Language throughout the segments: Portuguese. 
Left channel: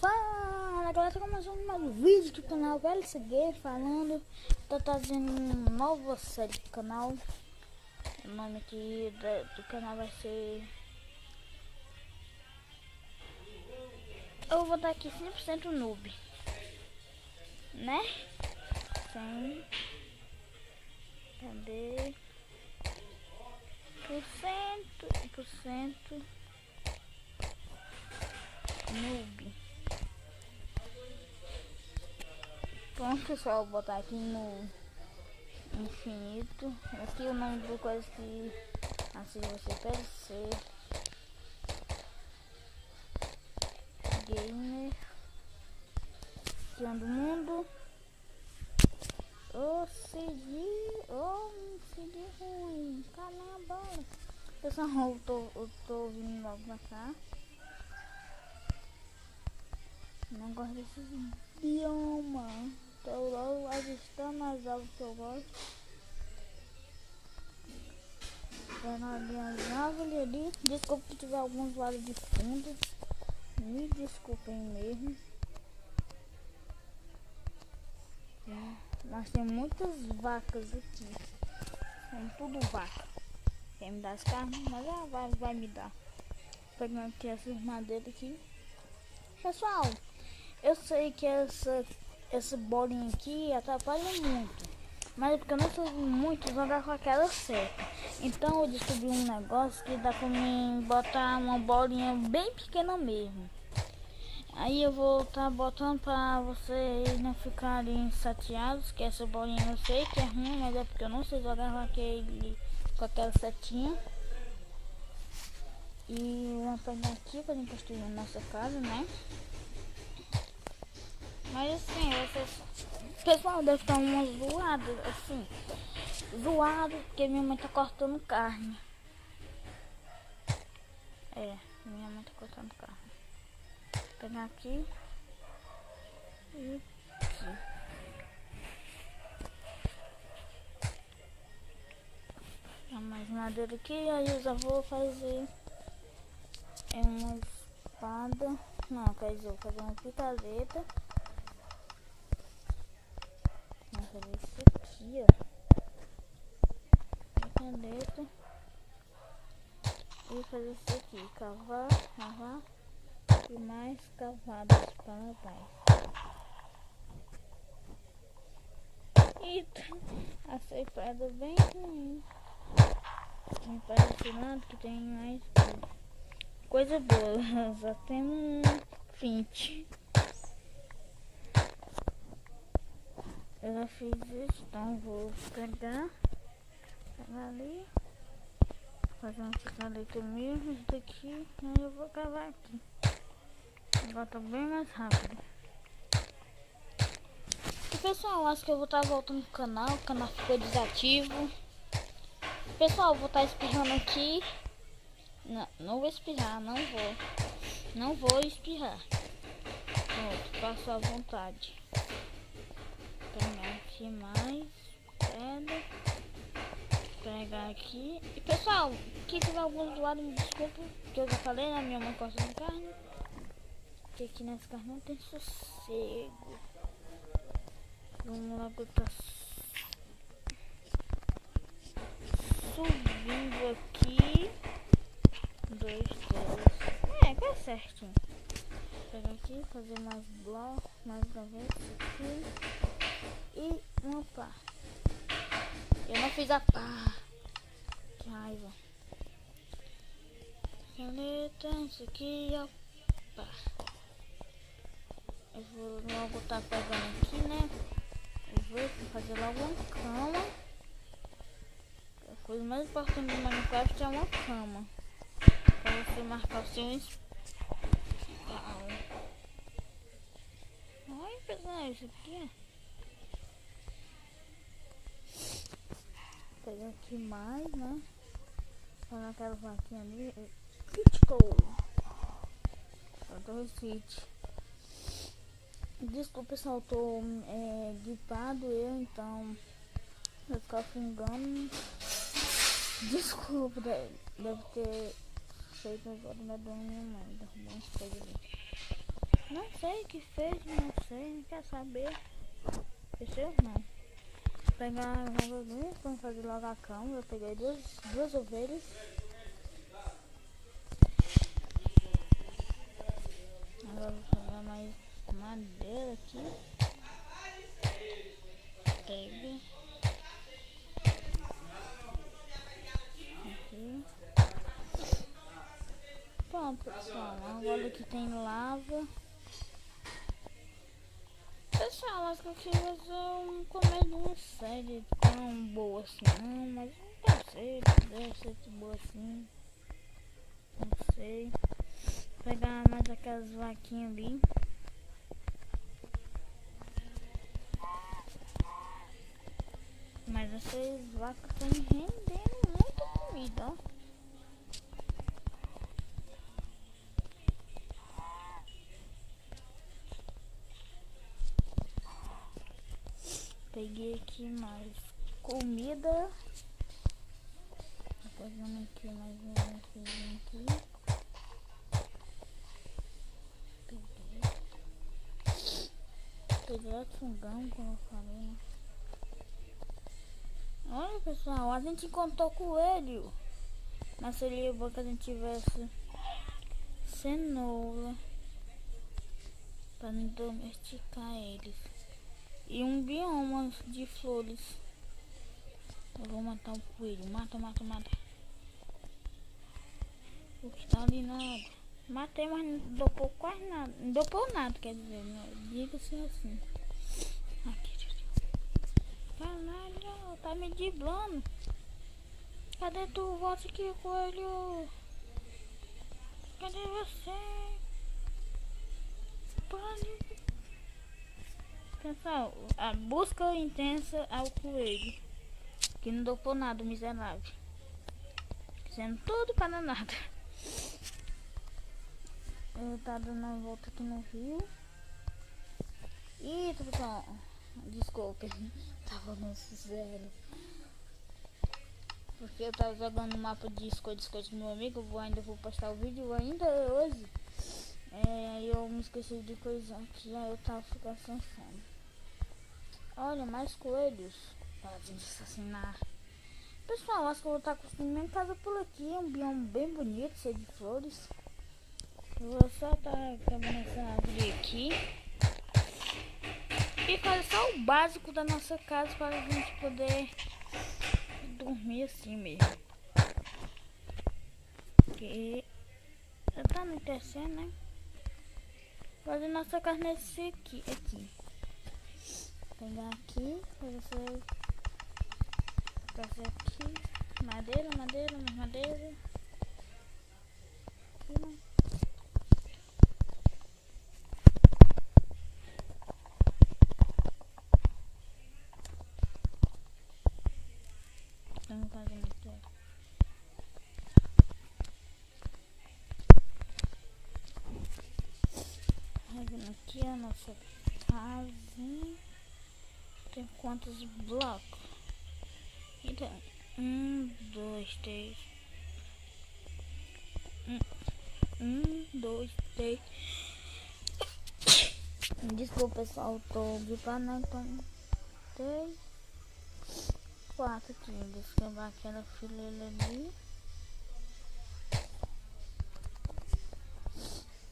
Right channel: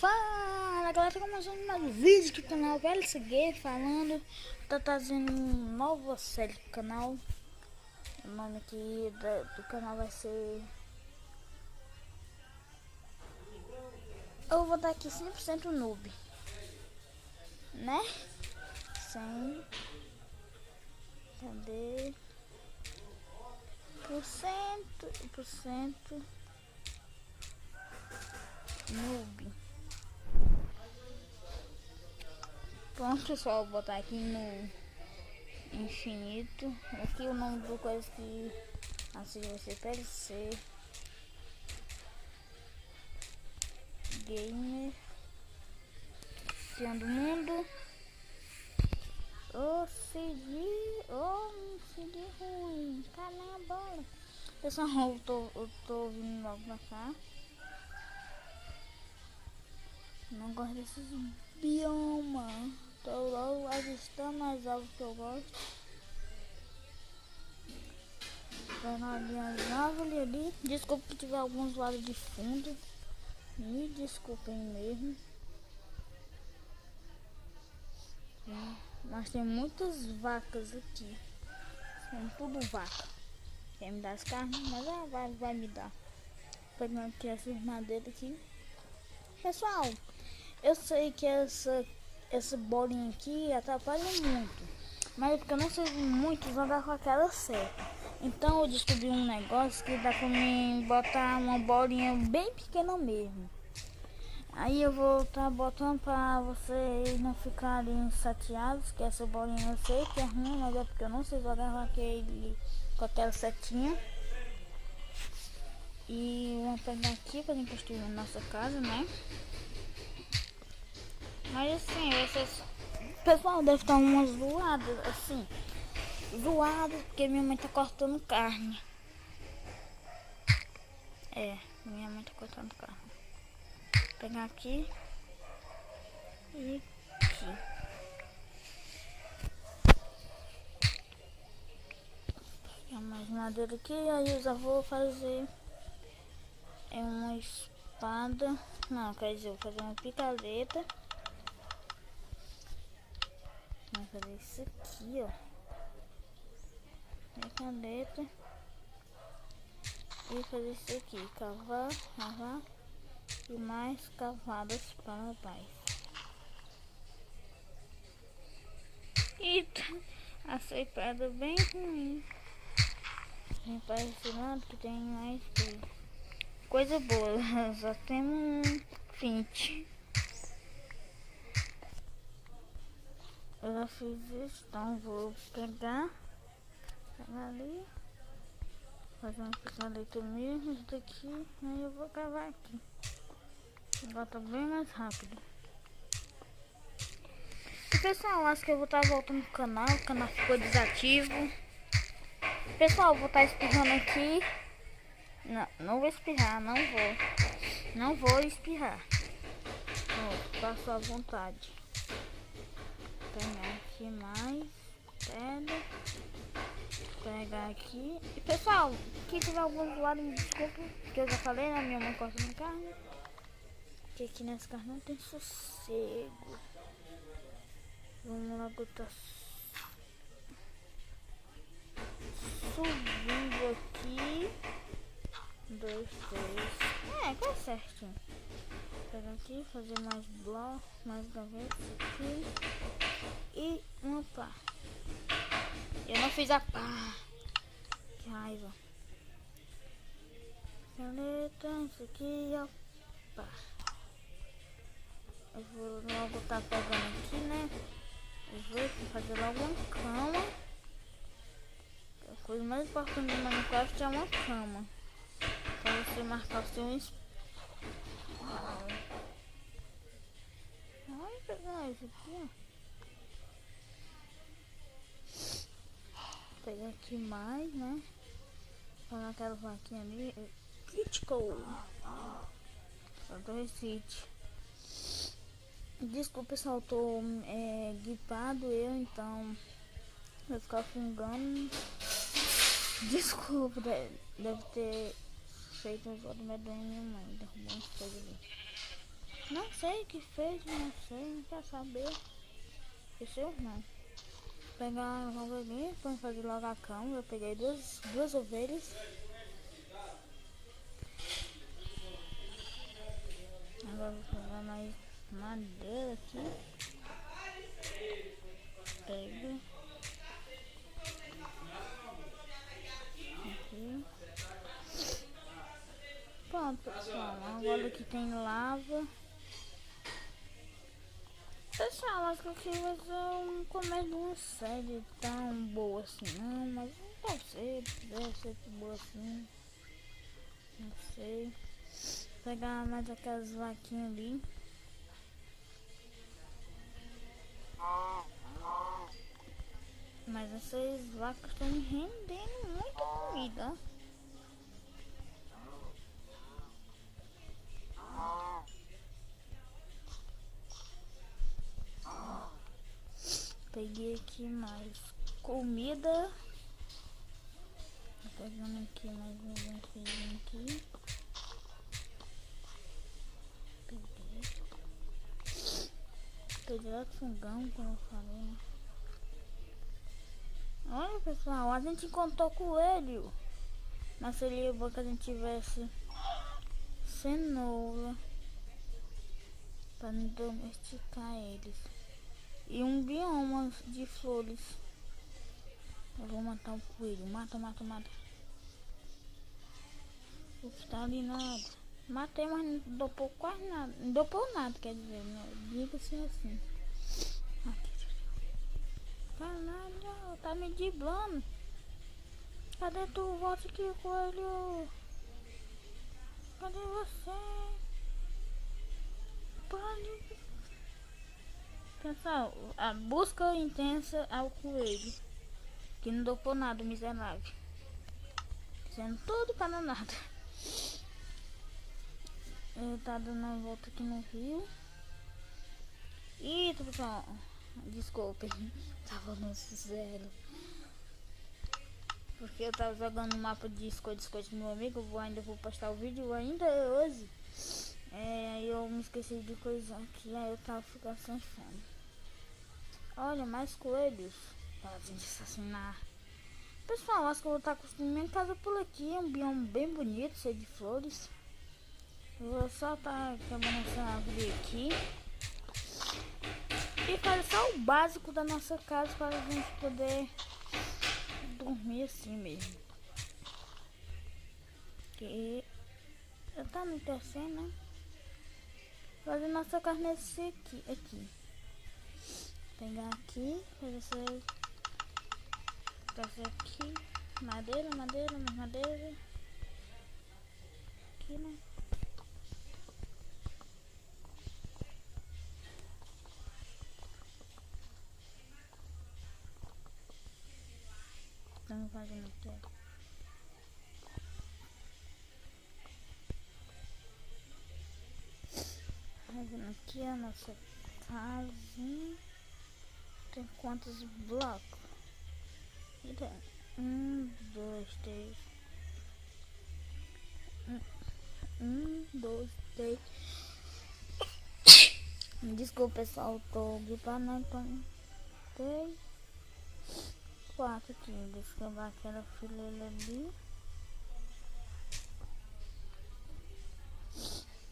Fala galera, começando mais um vídeo do canal VLCG falando. Tô trazendo uma nova série do canal. O nome aqui do canal vai ser... Eu vou dar aqui 100% noob, né? 100. Cadê? Por cento noob. Pronto, pessoal, vou botar aqui no infinito. Aqui o nome do coisa que assim você perceber. Gamer do mundo. Me segui ruim. Caramba. Pessoal, eu tô vindo logo pra cá. Não gosto desses biomas. Tô logo avistando as árvores que eu gosto. Vendo ali as árvores ali. Desculpa que tiver alguns lados de fundo. Me desculpem mesmo. Nós temos muitas vacas aqui. São tudo vaca. Quer me dar as carnes? Mas vai me dar. Pegando aqui essas madeiras aqui. Pessoal, eu sei que essa bolinha aqui atrapalha muito. Mas é porque eu não sei muito jogar com aquela certa. Então eu descobri um negócio que dá pra mim botar uma bolinha bem pequena mesmo. Aí eu vou estar botando pra vocês não ficarem chateados, que essa bolinha eu sei que é ruim, mas é porque eu não sei jogar com aquela setinha. E vamos pegar aqui pra gente construir a nossa casa, né? Mas assim, pessoal, deve estar umas zoadas, assim. Zoado porque minha mãe tá cortando carne. Minha mãe tá cortando carne. Vou pegar aqui e aqui. Pegar mais madeira aqui, aí eu já vou fazer uma espada. Não, quer dizer, eu vou fazer uma picareta. Vou fazer isso aqui, ó. Picareta. E fazer isso aqui, cavar e mais cavadas para trás. Eita, achei pedra bem ruim. Tem parece nada que tem mais coisa boa. Só temos 20. Eu já fiz isso, então vou pegar ali. Fazer uma picareta mesmo, isso daqui, aí eu vou cavar aqui. Agora tá bem mais rápido. E pessoal, acho que eu vou estar voltando pro canal, o canal ficou desativo. Pessoal, vou estar espirrando aqui. Não vou espirrar, não vou espirrar. Pronto, passo à vontade. Vou pegar aqui mais pedra. Pegar aqui. E pessoal, que tiver algum zoado, me desculpa, que eu já falei, né? Minha mãe cortando carne. Porque aqui nessa carne não tem sossego. Vamos logo tá subindo aqui. 2, 3. Quase certinho. Vou pegar aqui, fazer mais blocos, mais gavetas aqui. E uma pá. Eu não fiz a pá. Que raiva. Caneta, isso aqui, ó. Pá. Eu vou logo tá pegando aqui, né? Eu vou fazer logo uma cama. A coisa mais importante do Minecraft é uma cama. Pra você marcar o seu spawn. Ai, pegar isso aqui, ó. Vou pegar aqui mais, né? Olha aquela vaquinha ali. Critical. Só 2 hits. Desculpa, pessoal, eu tô gripado então vai ficar fungando. Desculpa, deve ter feito uns olhos medonhos minha mãe, derrubou umas coisas ali. Não sei o que fez, não sei, não quer saber. Esqueceu? Não. Vou pegar logo ali, vamos fazer logo a cama. Eu peguei duas ovelhas. Agora vou pegar mais madeira aqui. Pega. Aqui. Pronto, pessoal. Agora aqui tem lava. Pessoal, acho que aqui vai ser um comédia série tão boa assim, não, mas não deve ser boa assim. Não sei. Vou pegar mais aquelas vaquinhas ali. Mas essas vacas estão me rendendo muita comida, ó. Peguei aqui mais comida. Tô pegando aqui mais um feijão aqui. Peguei outro fungão, como eu falei, né? Olha, pessoal, a gente encontrou coelho. Mas seria bom que a gente tivesse cenoura para não domesticar eles. E um bioma de flores. Eu vou matar o coelho. Mata. O que tá ali nada. Matei, mas não dopou quase nada. Não dopou nada, quer dizer. Diga-se assim. Aqui, caralho, tá me driblando. Cadê tu? Volta aqui, coelho. Cadê você? Pessoal, a busca intensa ao coelho. Que não dopou nada, miserável. Fazendo tudo para nada. Eu tá dando uma volta aqui no rio. Eita, pessoal. Desculpa. Tava no zero. Porque eu tava jogando o mapa de esconde com meu amigo. Ainda vou postar o vídeo ainda hoje. Eu me esqueci de coisa aqui. Aí eu tava ficando sem fome. Olha, mais coelhos. Para gente assassinar. Pessoal, acho que eu vou estar construindo minha casa por aqui. É um bioma bem bonito, cheio de flores. Eu vou só estar quebrando essa árvore aqui. E fazer só o básico da nossa casa para a gente poder dormir assim mesmo. Porque já tá anoitecendo, né? Fazer nossa casa nesse aqui. Pegar aqui, fazer aqui. Madeira, mais madeira. Aqui, né? Estamos fazendo aqui. Fazendo aqui a nossa casinha. Tem quantos blocos? Então, 1, 2, 3. 1, 2, 3. Desculpa, pessoal, tô gripando, então 3, 4 aqui. Deixa eu quebrar aquela fileira ali.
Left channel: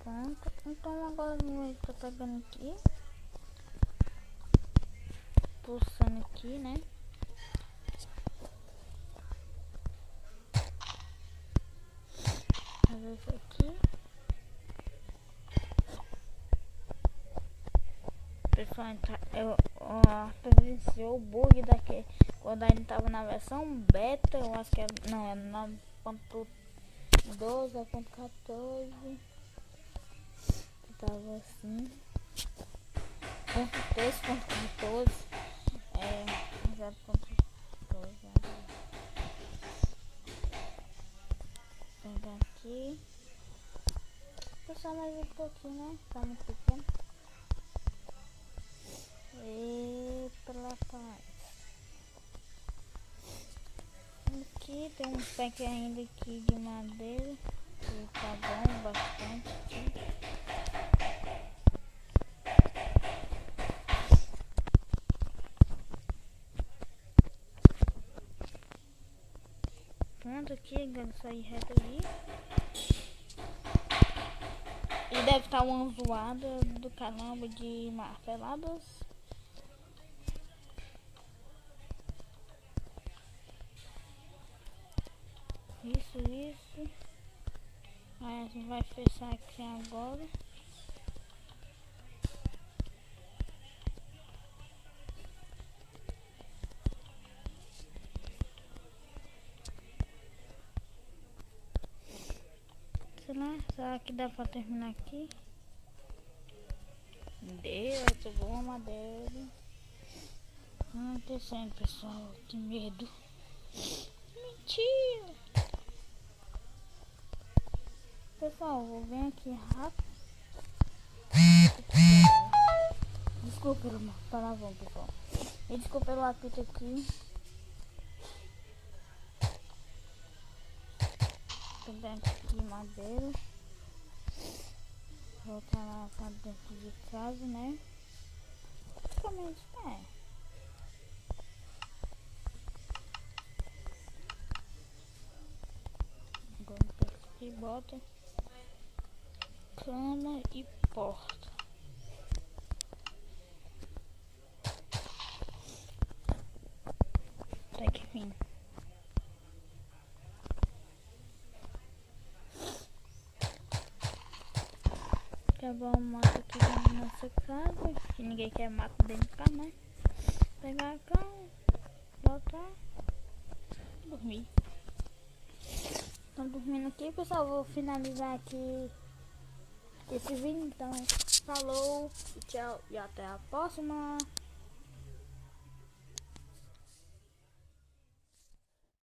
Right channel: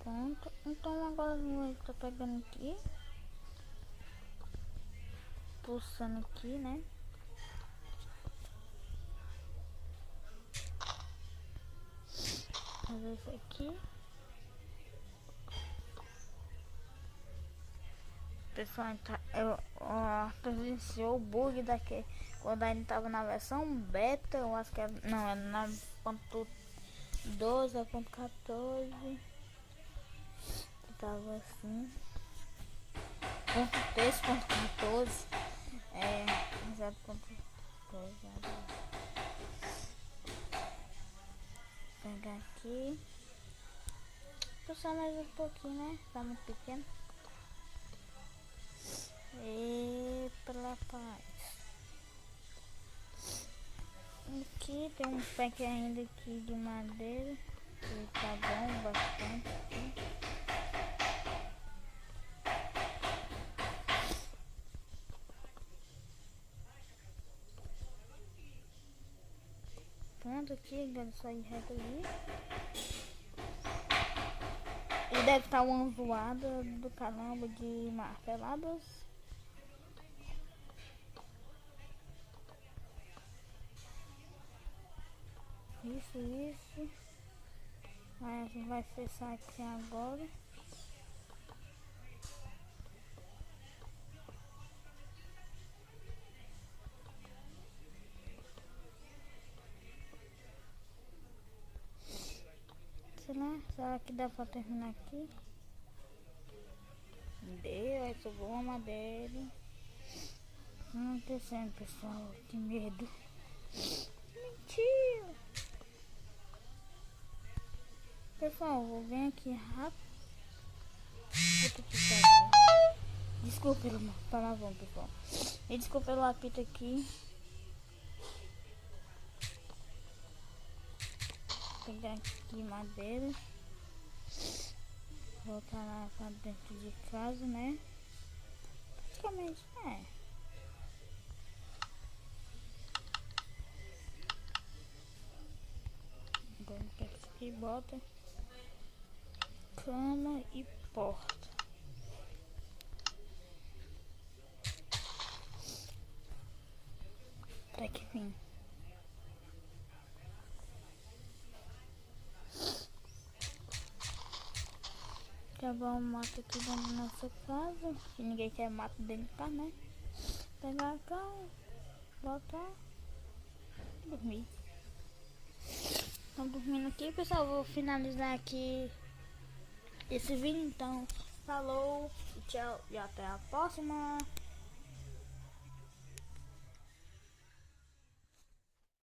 Pronto. Então agora eu tô pegando aqui. Pulsando aqui, né? Fazer isso aqui. Pessoal, eu presenciou o bug daqui quando a gente tava na versão beta. Eu acho que era, não, era na ponto 12, a ponto 14. Tava assim. Ponto 3.14. 0.12. Pegar aqui. Puxar mais um pouquinho, né? Tá muito pequeno. Tem um pack ainda aqui de madeira. Que tá bom, bastante aqui. Pronto aqui, agora sair reto ali. E deve estar uma zoada do caramba de marteladas. Isso. Aí a gente vai fechar aqui agora. Será que dá pra terminar aqui? Deu, sobrou uma madeira. Não descendo, pessoal, que medo. Mentira! Pessoal, vou vir aqui rápido. Desculpa pelo palavrão, pessoal. E desculpa pelo apito aqui. Vou pegar aqui madeira. Voltar lá pra dentro de casa, né? Praticamente, Agora pega isso aqui e bota cama e porta. Até que fim. Acabar o mato aqui dentro da nossa casa. Que ninguém quer mato dentro de casa, né? Pegar a cama, voltar, dormir. Estão dormindo aqui, pessoal. Vou finalizar aqui esse vídeo. Então, falou, tchau e até a próxima.